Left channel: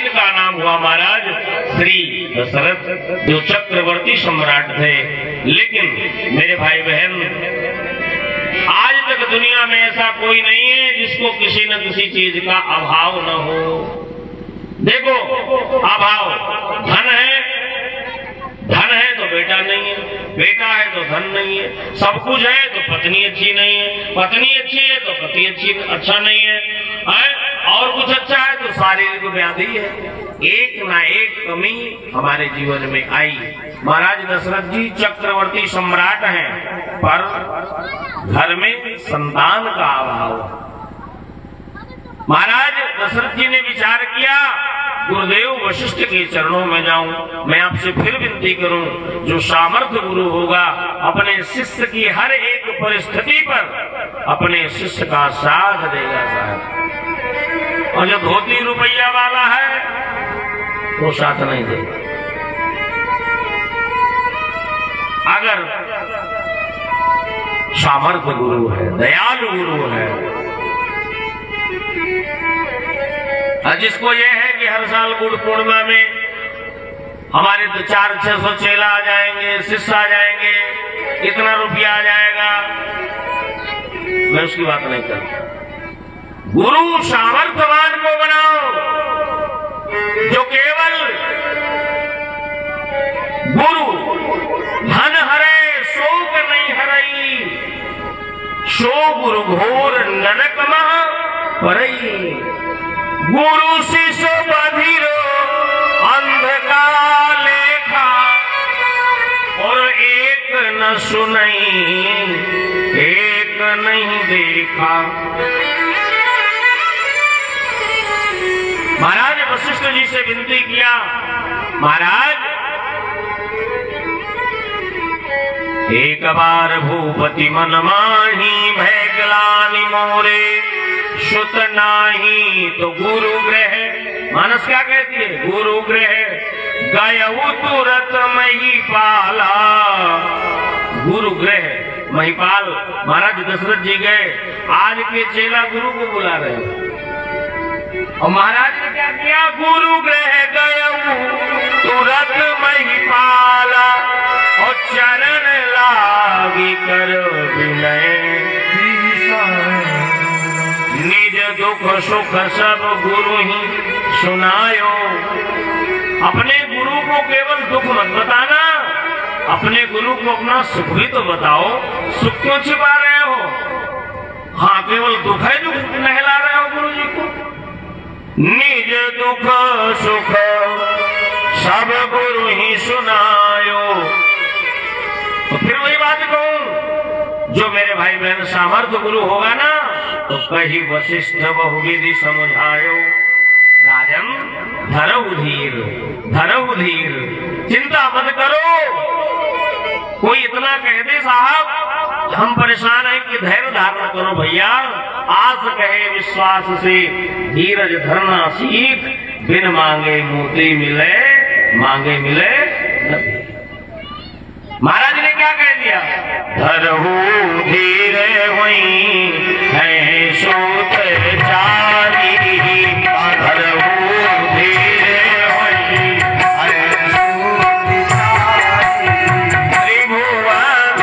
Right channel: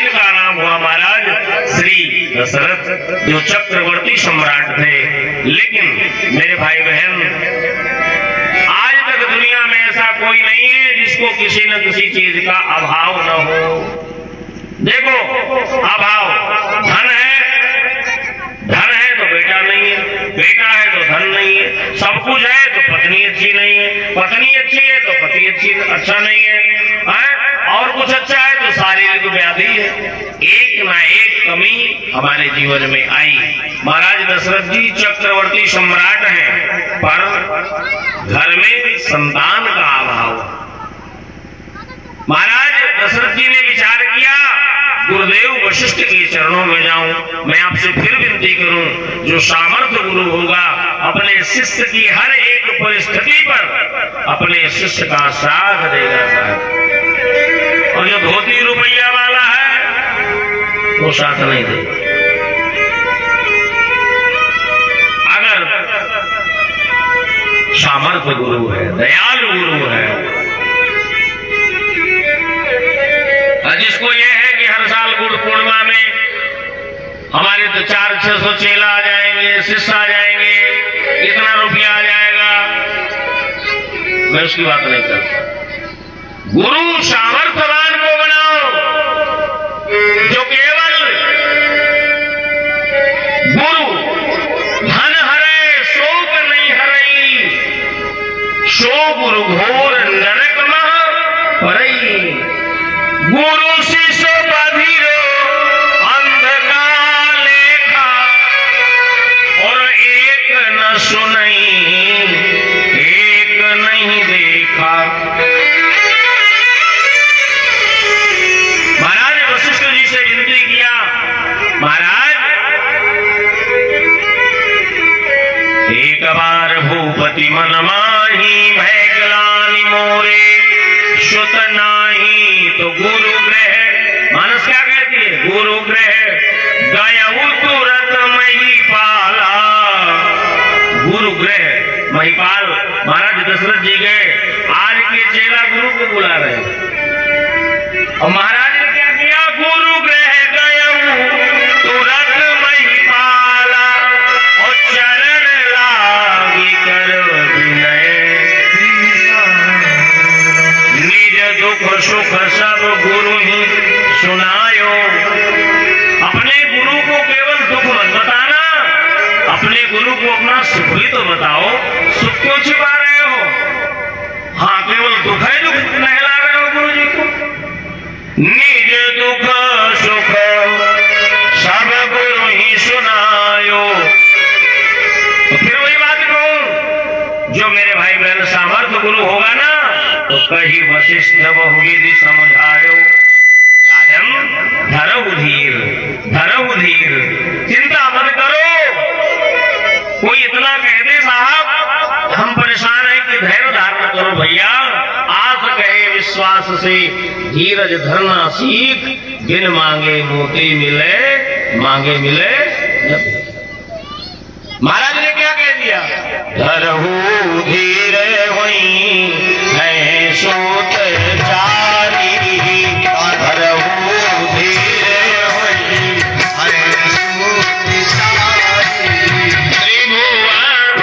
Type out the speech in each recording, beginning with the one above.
जिनका नाम हुआ महाराज श्री दशरथ, जो चक्रवर्ती सम्राट थे। लेकिन मेरे भाई बहन, आज तक दुनिया में ऐसा कोई नहीं है जिसको किसी न किसी चीज का अभाव न हो। देखो, अभाव धन है तो बेटा नहीं है, बेटा है तो धन नहीं है, सब कुछ है तो पत्नी अच्छी नहीं है, पत्नी अच्छी है तो पति अच्छा नहीं है, और कुछ अच्छा है तो शारीरिक व्याधि है। एक ना एक कमी हमारे जीवन में आई। महाराज दशरथ जी चक्रवर्ती सम्राट हैं, पर घर में संतान का अभाव। महाराज दशरथ जी ने विचार किया, गुरुदेव वशिष्ठ के चरणों में जाऊं। मैं आपसे फिर विनती करूं, जो सामर्थ्य गुरु होगा अपने शिष्य की हर एक परिस्थिति पर अपने शिष्य का साथ देगा साहब। और जो धोती रुपया वाला है वो साथ नहीं देगा। अगर सामर्थ्य गुरु है, दयालु गुरु है, जिसको यह है कि हर साल गुरु पूर्णिमा में हमारे तो 400-600 चेला आ जाएंगे, शिष्य आ जाएंगे, इतना रुपया आ जाएगा, मैं उसकी बात नहीं करता। गुरु सामर्थ्यवान को बनाओ, जो केवल गुरु धन हरे शोक नहीं हरई, सो गुरु घोर नरक मह परई। गुरु शिष्य बधिरो अंधकार लेखा, और एक न सुनई एक नहीं देखा। महाराज वशिष्ठ जी से विनती किया, महाराज एक बार भूपति मन माही, भय ग्लानि मोरे सुत नाही तो गुरु ग्रह। मानस क्या कहती है? गुरु ग्रह गयऊ तुरत महिपाला। गुरु ग्रह महिपाल महाराज दशरथ जी गए, आज के चेला गुरु को बुला रहे हैं। और महाराज ने क्या किया? गुरु ग्रह गयऊ तुरत महिपाला, और चरण लागी कर विनय, दुख सुख सब गुरु ही सुनायो। अपने गुरु को केवल दुख मत बताना, अपने गुरु को अपना सुख भी तो बताओ। सुख क्यों छिपा रहे हो? हाँ, केवल दुख है, दुख नहला रहे हो गुरु जी को। निज दुख सुख सब गुरु ही सुनायो। तो फिर वही बात कहूं, जो मेरे भाई बहन सामर्थ्य गुरु होगा ना, तो कही वशिष्ठ बहुविधि समझायो। राजन धरऊ धीर, धरऊ धीर, चिंता मत करो। कोई इतना कह दे साहब हम परेशान हैं कि धैर्य धारण करो भैया। आस कहे विश्वास से धीरज धरना सीख, बिन मांगे मोती मिले, मांगे मिले। महाराज ने क्या कह दिया? धरऊ धीर होई है सोत चारी, धरऊ धीर होई है सोत चारी। त्रिभुवन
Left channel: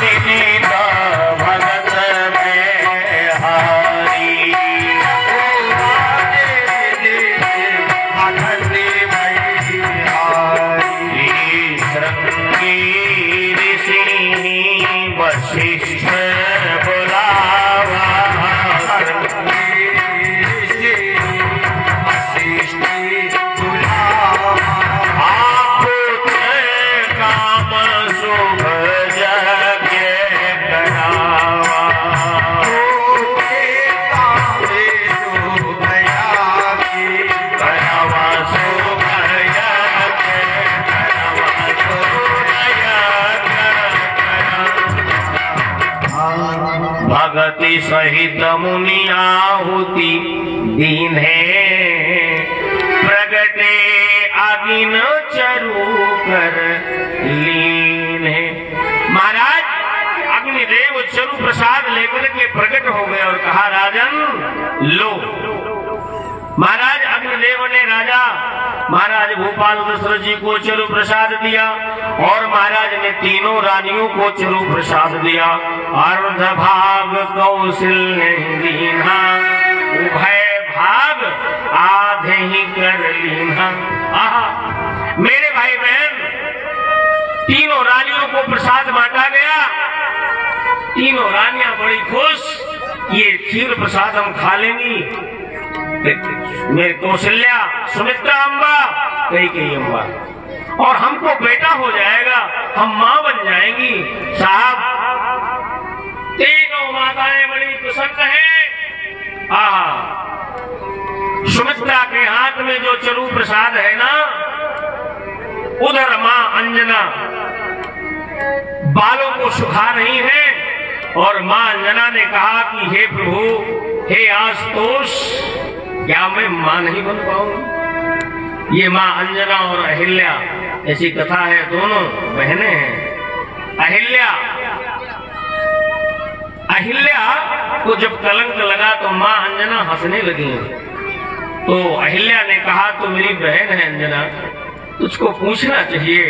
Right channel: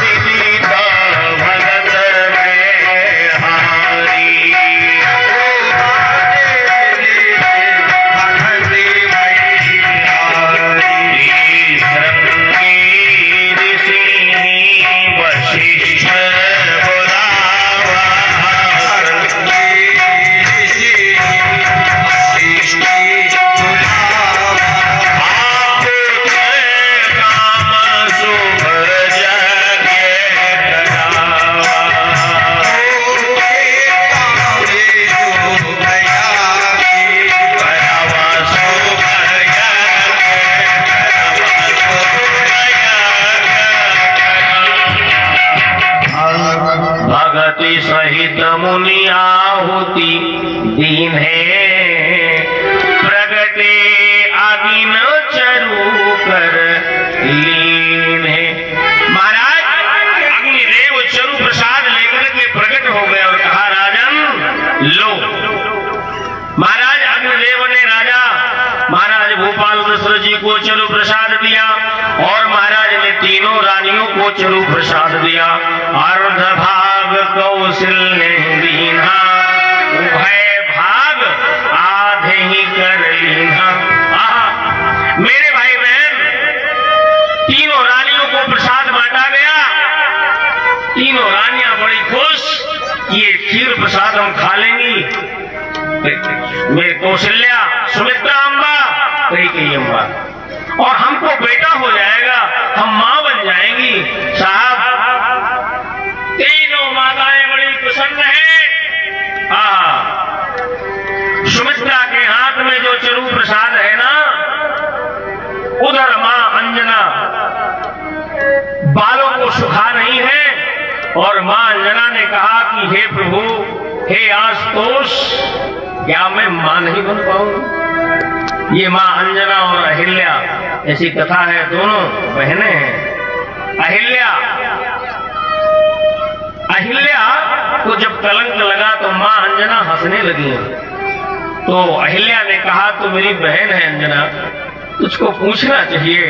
विदिता भगत में हारी, सहित मुनि आहुति दीन है, प्रगटे आगिन चरु कर लीन है। महाराज अग्निदेव चरु प्रसाद लेकर के प्रकट हो गए और कहा राजन लो। महाराज अग्निदेव ने राजा महाराज भूपाल दशरथ जी को चरु प्रसाद दिया और महाराज ने तीनों रानियों को चरु प्रसाद दिया। अर्ध भाग कौशल्य दीना, उभय भाग आधे ही कर लीना। मेरे भाई बहन, तीनों रानियों को प्रसाद बांटा गया। तीनों रानियां बड़ी खुश, ये खीर प्रसाद हम खा लेंगी। मेरे कौशल्या, सुमित्रा अम्बा, कैकेयी अम्बा, और हमको बेटा हो जाएगा, हम मां बन जाएंगी। साहब, तीनों माताएं बड़ी प्रसन्न हैं। सुमित्रा के हाथ में जो चरु प्रसाद है ना, उधर मां अंजना बालों को सुखा रही है और मां अंजना ने कहा कि हे प्रभु, हे आशुतोष, क्या मैं मां नहीं बन पाऊंगी? ये मां अंजना और अहिल्या, ऐसी कथा है, दोनों बहनें हैं। अहिल्या को जब कलंक लगा तो मां अंजना हंसने लगी। तो अहिल्या ने कहा, तो मेरी बहन है अंजना, तुझको पूछना चाहिए,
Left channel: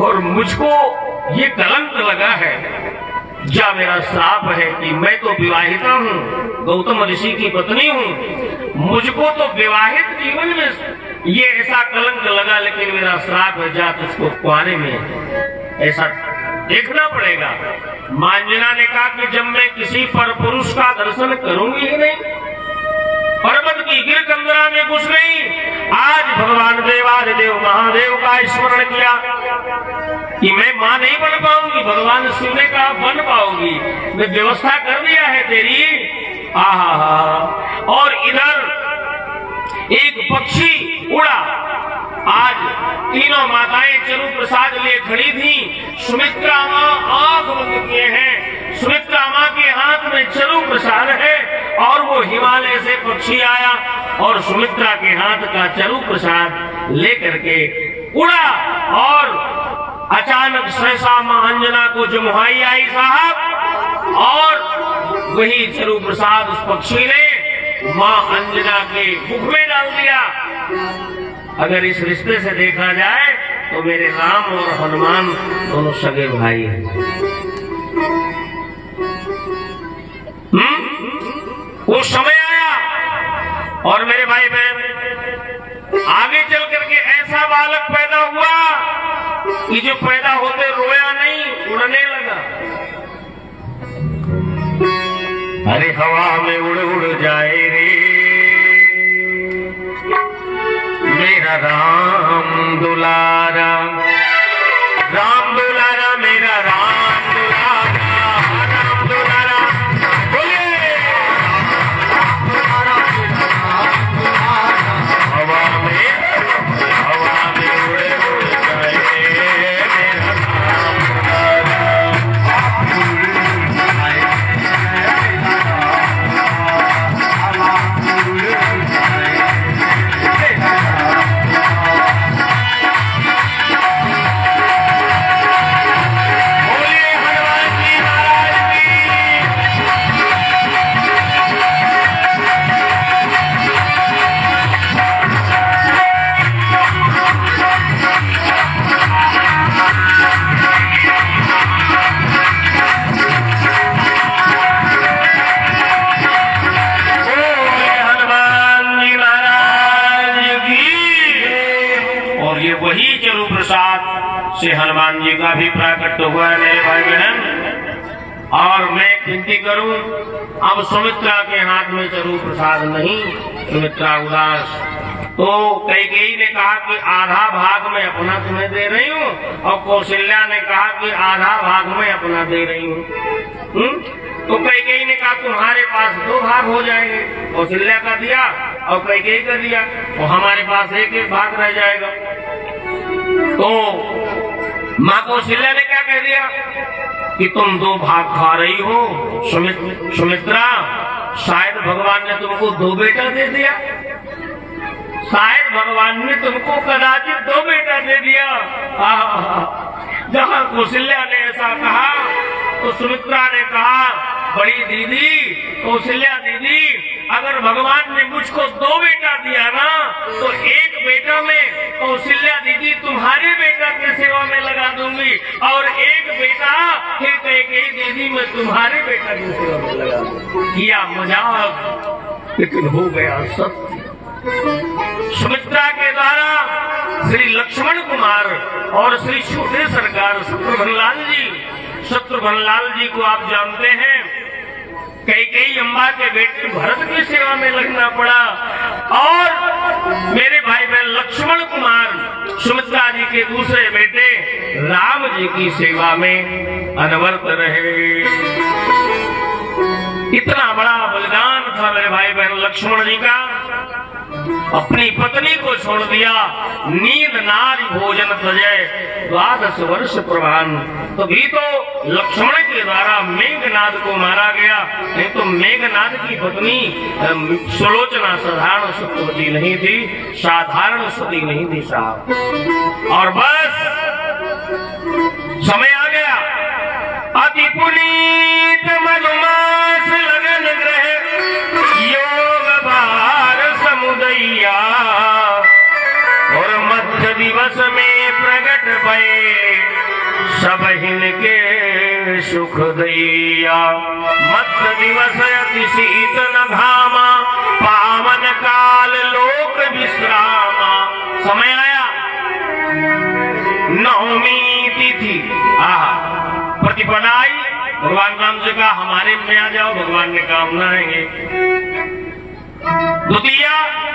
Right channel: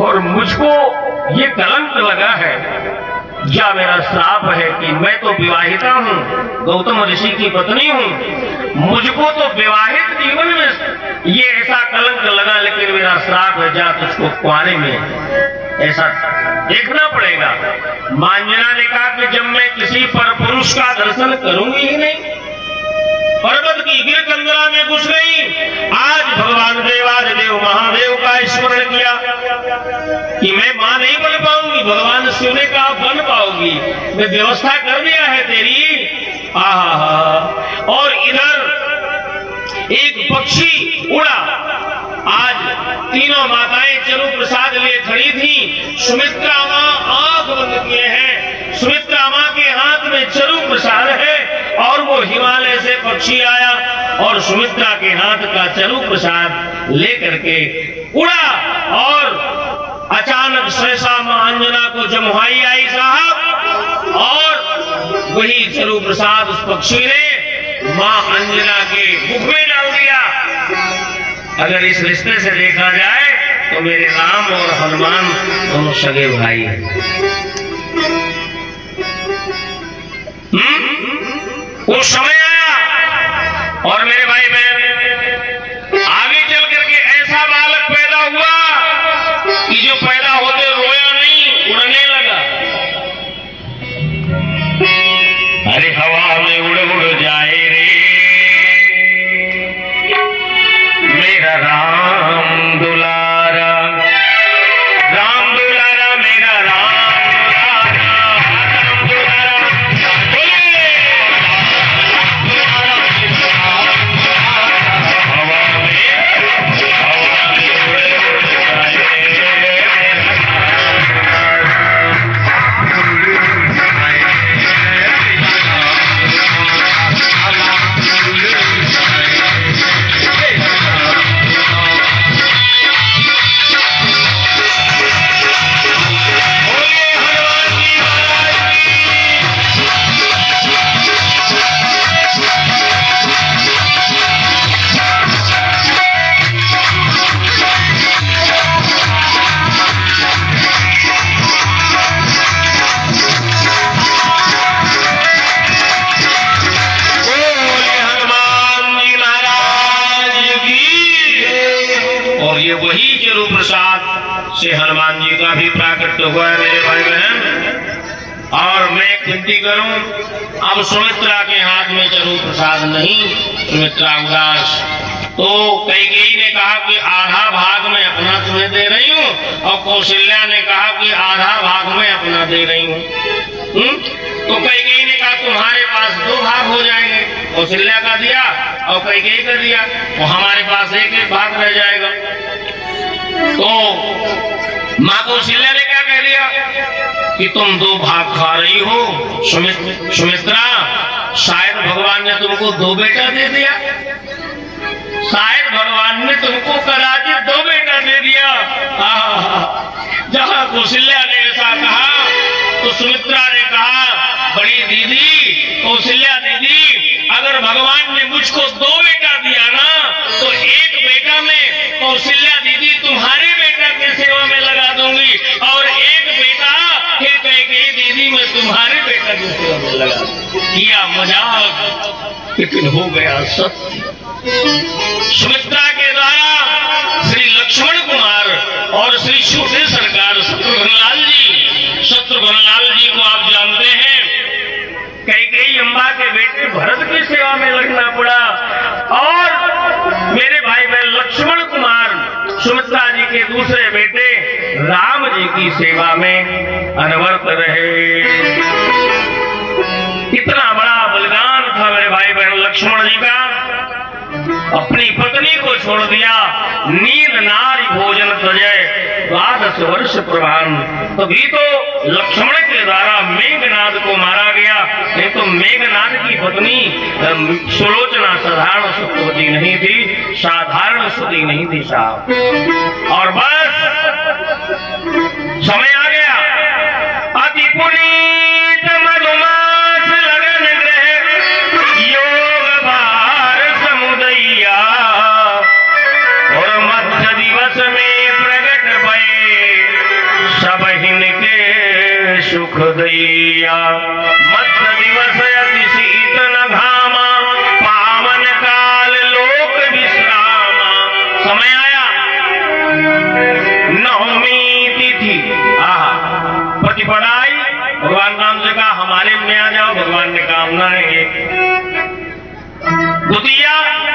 और मुझको ये कलंक लगा है, या मेरा श्राप है कि मैं तो विवाहिता हूँ, गौतम ऋषि की पत्नी हूँ, मुझको तो विवाहित जीवन में ये ऐसा कलंक लगा, लेकिन मेरा श्राप है, जा तुझको कुआने में ऐसा देखना पड़ेगा। मांजना ने कहा कि जब मैं किसी पर पुरुष का दर्शन करूंगी ही नहीं, पर्वत की गिर कंदरा में घुस गई, आज भगवान देवादिदेव महादेव का स्मरण किया कि मैं मां नहीं बन पाऊंगी। भगवान शिव ने कहा बन पाऊंगी, मैं व्यवस्था कर दिया है तेरी। और इधर एक पक्षी उड़ा। आज तीनों माताएं चरु प्रसाद ले खड़ी थी। सुमित्रा मां आंख बंद किए हैं, सुमित्रा मां के हाथ में चरु प्रसाद है, और वो हिमालय से पक्षी आया और सुमित्रा के हाथ का चरु प्रसाद लेकर के उड़ा, और अचानक सहसा मां अंजना को जमुहाई आई साहब, और वही चरु प्रसाद उस पक्षी ने मां अंजना के मुख में डाल दिया। अगर इस रिश्ते से देखा जाए तो मेरे राम और हनुमान दोनों सगे भाई हैं। वो समय आया और मेरे भाई बहन, आगे चल करके ऐसा बालक पैदा हुआ कि जो पैदा होते रोया नहीं, उड़ने लगा। अरे हवा में उड़ उड़ जाए रे मेरा राम दुलारा, राम दुलारा, मेरा राम दुलारा, राम दुलारा, बोले हवा में उड़े उड़ जाए से हनुमान जी का भी प्राकट्य हुआ है मेरे भाई बहन। और मैं विनती करूं, अब सुमित्रा के हाथ में चरु प्रसाद नहीं, सुमित्रा उदास। तो कैकेयी ने कहा कि आधा भाग में अपना तुम्हें दे रही हूँ, और कौशल्या ने कहा कि आधा भाग में अपना दे रही हूँ। तो कैकेयी ने कहा तुम्हारे पास 2 भाग हो जाएंगे, कौशल्या का दिया और कैकेयी का दिया, तो हमारे पास 1-1 भाग रह जाएगा। तो मां कौशल्या ने क्या कह दिया कि तुम 2 भाग खा रही हो सुमित्रा, शायद भगवान ने तुमको 2 बेटा दे दिया, शायद भगवान ने तुमको कदाचित 2 बेटा दे दिया। जहां कौशल्या ने ऐसा कहा तो सुमित्रा ने कहा, बड़ी दीदी, कौशल्या दीदी, अगर भगवान ने मुझको 2 बेटा दिया ना, तो 1 बेटा मैं कौशल्या दीदी तुम्हारे बेटा की सेवा में लगा दूंगी और एक बेटा फिर कैकेयी दीदी मैं तुम्हारे बेटा की सेवा में लगा दूंगी। किया मजाक लेकिन हो गया सत्य। सुमित्रा के द्वारा श्री लक्ष्मण कुमार और श्री छोटे सरकार शत्रुघ्न लाल जी को आप जानते हैं, कैकेयी अम्बा के बेटे भरत की सेवा में लगना पड़ा और मेरे भाई बहन लक्ष्मण कुमार सुमित्रा जी के दूसरे बेटे राम जी की सेवा में अनवरत रहे। इतना बड़ा बलिदान था मेरे भाई बहन लक्ष्मण जी का। अपनी पत्नी को छोड़ दिया, नींद नारी भोजन तजय 12 वर्ष प्रधान। तभी तो लक्ष्मण के द्वारा मेघनाद को मारा गया, नहीं तो मेघनाद की पत्नी सुलोचना साधारण सुखवती नहीं थी, साधारण सुधी नहीं थी साहब। और बस समय आ गया, अति पुनीत मधुमास लगन ग्रह योग भार समुदैया और मध्य दिवस में प्रगट भये सब हिनके सुख दैया। मध्य दिवस अति शीत न घामा पावन काल लोक विश्रामा। समय आया, नवमी तिथि प्रतिपदा आई। भगवान राम जी कहा हमारे में आ जाओ, भगवान ने कहा हम आएंगे। द्वितीया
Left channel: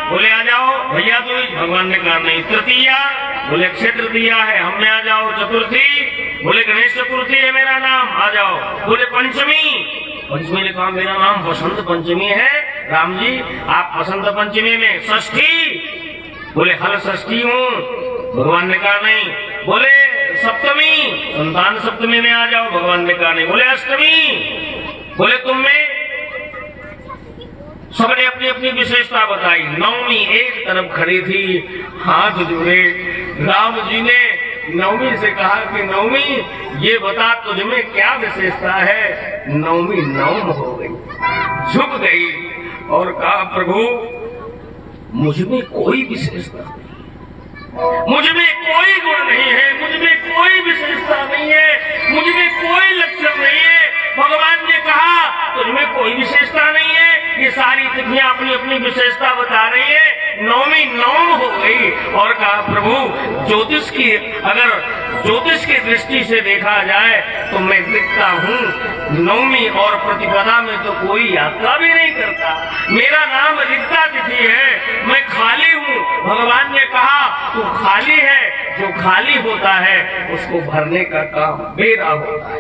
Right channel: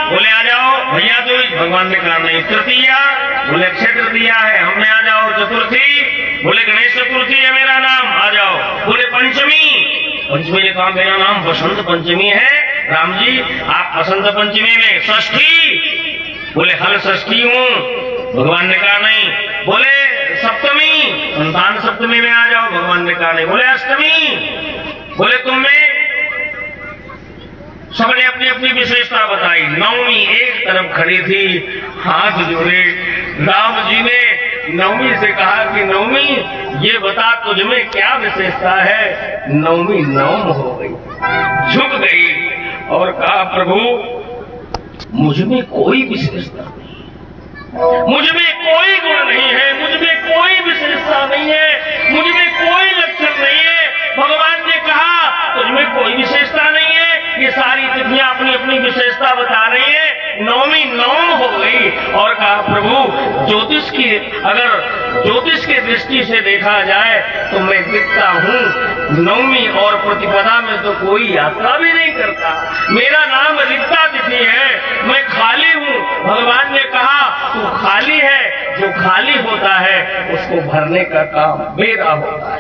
बोले आ जाओ भैया दूज, भगवान ने कहा नहीं। तृतीया बोले अक्षय तृतीया है, हम में आ जाओ। चतुर्थी बोले गणेश चतुर्थी है मेरा नाम, आ जाओ। बोले पंचमी ने कहा मेरा नाम बसंत पंचमी है राम जी, आप बसंत पंचमी में। षष्ठी बोले हल षष्ठी हूँ, भगवान ने कहा नहीं। बोले सप्तमी संतान सप्तमी में आ जाओ, भगवान ने कहा नहीं। बोले अष्टमी बोले तुम में। सबने अपनी अपनी विशेषता बताई। नवमी एक तरफ खड़ी थी, हाथ जोड़े। राम जी ने नवमी से कहा कि नवमी ये बता तुझ में क्या विशेषता है। नवमी नवम हो गई, झुक गई और कहा प्रभु मुझ में कोई विशेषता नहीं, मुझ में कोई गुण नहीं है, मुझ में कोई विशेषता नहीं है, मुझ में कोई लक्षण नहीं है। भगवान ने कहा तुझ में कोई विशेषता नहीं है। ये सारी तिथियां अपनी अपनी विशेषता बता रही है। नवमी नवम हो गई और कहा प्रभु ज्योतिष की अगर ज्योतिष की दृष्टि से देखा जाए तो मैं दिखता हूँ। नवमी और प्रतिपदा में तो कोई यात्रा भी नहीं करता, मेरा नाम रिक्ता तिथि है, मैं खाली हूँ। भगवान ने कहा तू खाली है, जो खाली होता है उसको भरने का काम मेरा होता है।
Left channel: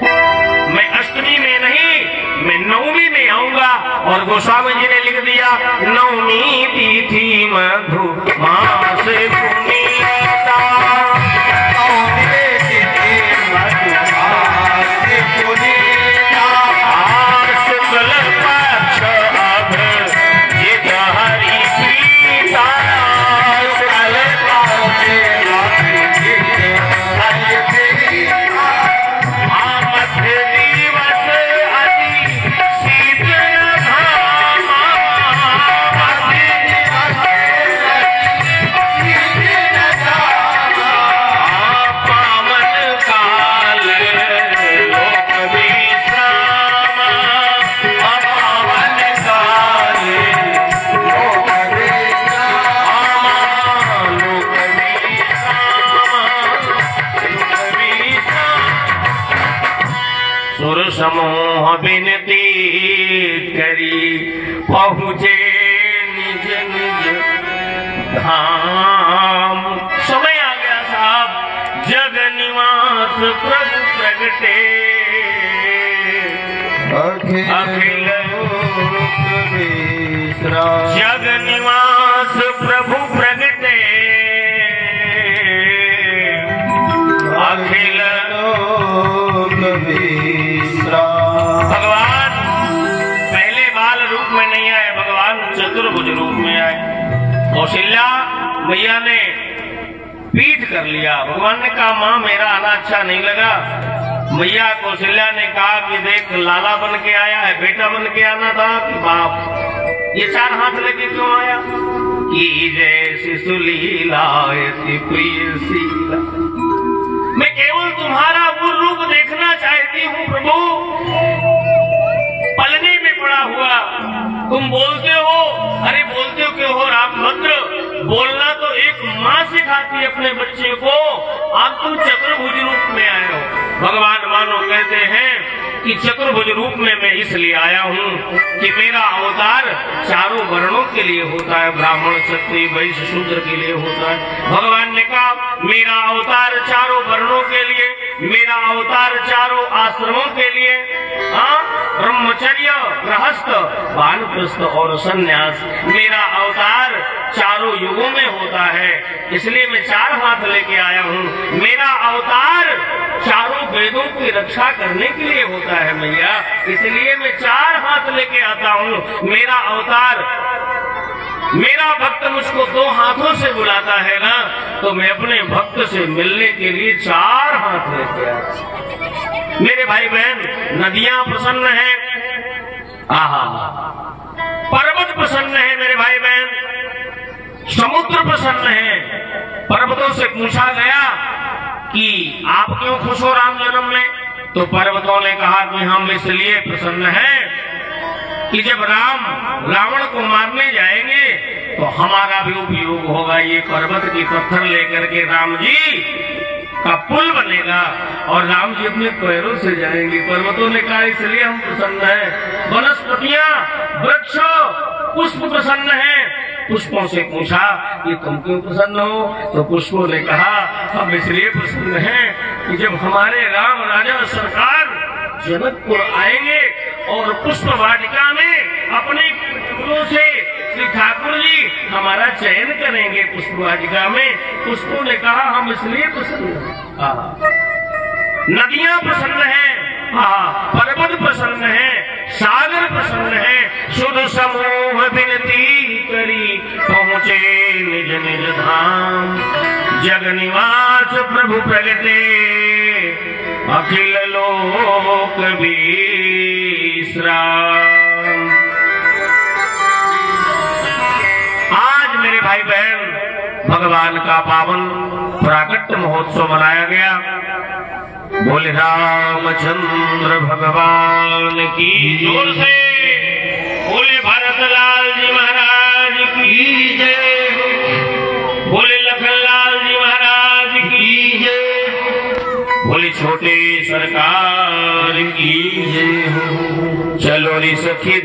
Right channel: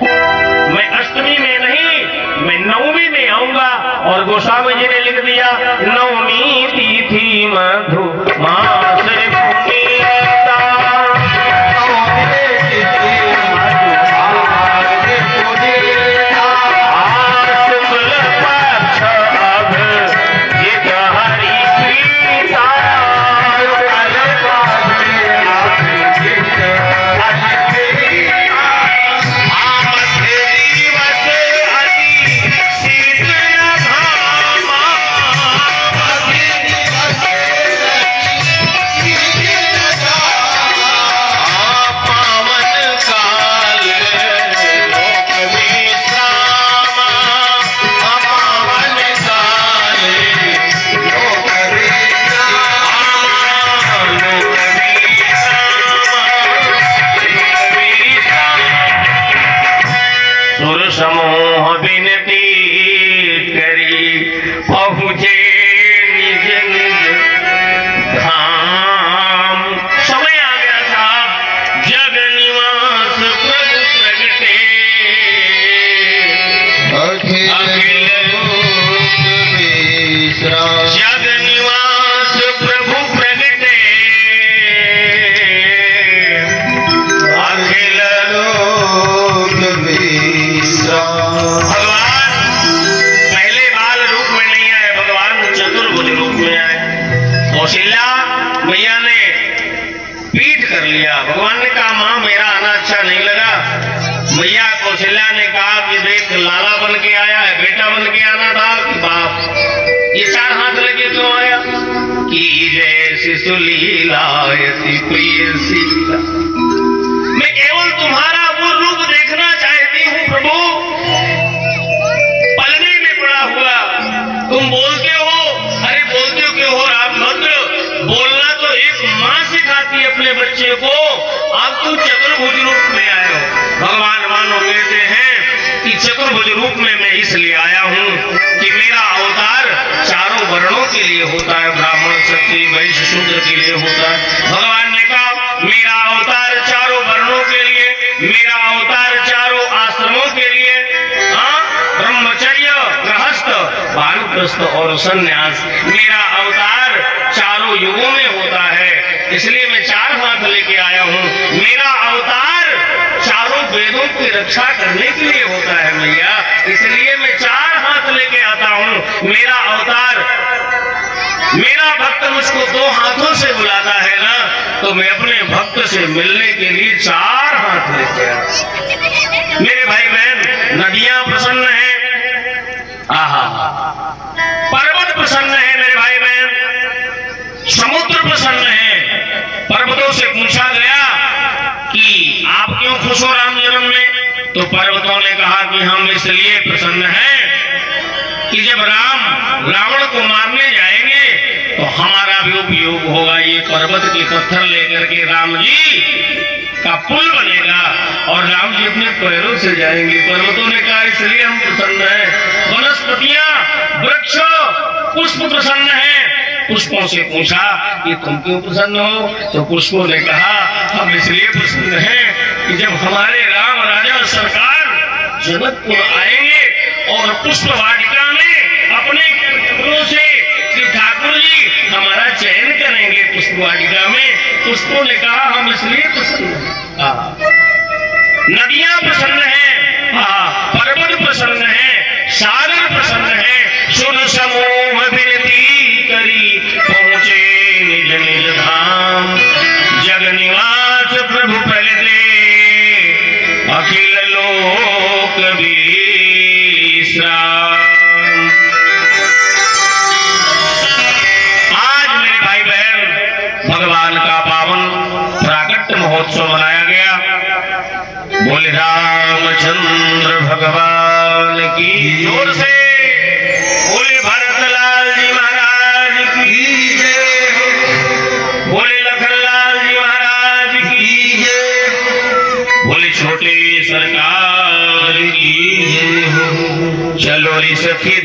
मैं अष्टमी में नहीं, मैं नवमी में आऊंगा। और गोस्वामी जी ने लिख दिया नवमी तिथि मधु मास पुनीता, शुक्ल पक्ष अभिजित हरि प्रीता, समूह विनती करी पहुँचे निज निज धाम। समय आ गया साहब, जग निवास प्रभु प्रगटे अखिल लोक विश्राम। जग निवास प्रभु प्रगटे अखिल लोक भगवान पहले बाल रूप में नहीं आए, भगवान चतुर्भुज रूप में आए। कौशल्या मैया ने पीठ कर लिया। भगवान ने कहा माँ मेरा आना अच्छा नहीं लगा। मैया कौशल्या ने कहा कि देख लाला बन के आया है, बेटा बन के आना था कि बाप। ये 4 हाथ लेके क्यों आया? कि जय शिशु लीलायति प्रिय सीता। मैं केवल तुम्हारा वो रूप देखना चाहती हूँ प्रभु। पलने में पड़ा हुआ तुम बोलते हो, अरे बोलते हो क्यों हो रामभद्र? बोलना तो एक माँ सिखाती है अपने बच्चे को। आप तो चतुर्भुज रूप में आए हो। भगवान मानो कहते हैं कि चतुर्भुज रूप में मैं इसलिए आया हूँ कि मेरा अवतार चारों वर्णों के लिए होता है, ब्राह्मण क्षत्रिय वैश्य शूद्र के लिए होता है। भगवान ने कहा मेरा अवतार चारों वर्णों के लिए, मेरा अवतार चारों आश्रमों के लिए, ब्रह्मचर्य, गृहस्थ, वानप्रस्थ और सन्यास, मेरा अवतार चारों युगों में होता है। इसलिए मैं चार हाथ लेके आया हूँ। मेरा अवतार चारों वेदों की रक्षा करने के लिए होता है मैया, इसलिए मैं चार हाथ लेके आता हूँ। मेरा अवतार, मेरा भक्त मुझको दो हाथों से बुलाता है ना, तो मैं अपने भक्त से मिलने के लिए चार हाथ लेके आता। मेरे भाई बहन, नदियां प्रसन्न है, आहा, पर्वत प्रसन्न है मेरे भाई बहन, समुद्र प्रसन्न है। पर्वतों से पूछा गया कि आप क्यों खुश हो राम जन्म में? तो पर्वतों ने कहा कि हम इसलिए प्रसन्न हैं कि जब राम रावण को मारने जाएंगे तो हमारा भी उपयोग होगा। ये पर्वत के पत्थर लेकर के राम जी का पुल बनेगा और राम जी अपने पैरों से जाएंगे। पर्वतों ने कहा इसलिए हम प्रसन्न हैं। वनस्पतियां, वृक्ष, पुष्प प्रसन्न हैं। पुष्पों से पूछा कि तुम क्यों प्रसन्न हो? तो पुष्पों ने कहा हम इसलिए प्रसन्न हैं कि जब हमारे राम राजा सरकार जनकपुर आएंगे और पुष्प वाटिका में अपने पुत्रों से श्री ठाकुर जी हमारा चयन करेंगे पुष्प वाटिका में। पुष्पों ने कहा हम इसलिए प्रसन्न हैं। नदियां प्रसन्न हैं, पर्वत प्रसन्न है, सागर प्रसन्न है। सुर समूह विनती करी पहुंचे निज निज धाम, जग निवास प्रभु प्रलते अखिल लोक विश्राम। आज मेरे भाई बहन भगवान का पावन प्राकट्य महोत्सव मनाया गया। बोले रामचंद्र भगवान की जोर से, बोले भरतलाल जी महाराज की जय हो, बोले लखनलाल जी महाराज की जय हो, बोले छोटे सरकार की जय हो। चलो रे सखी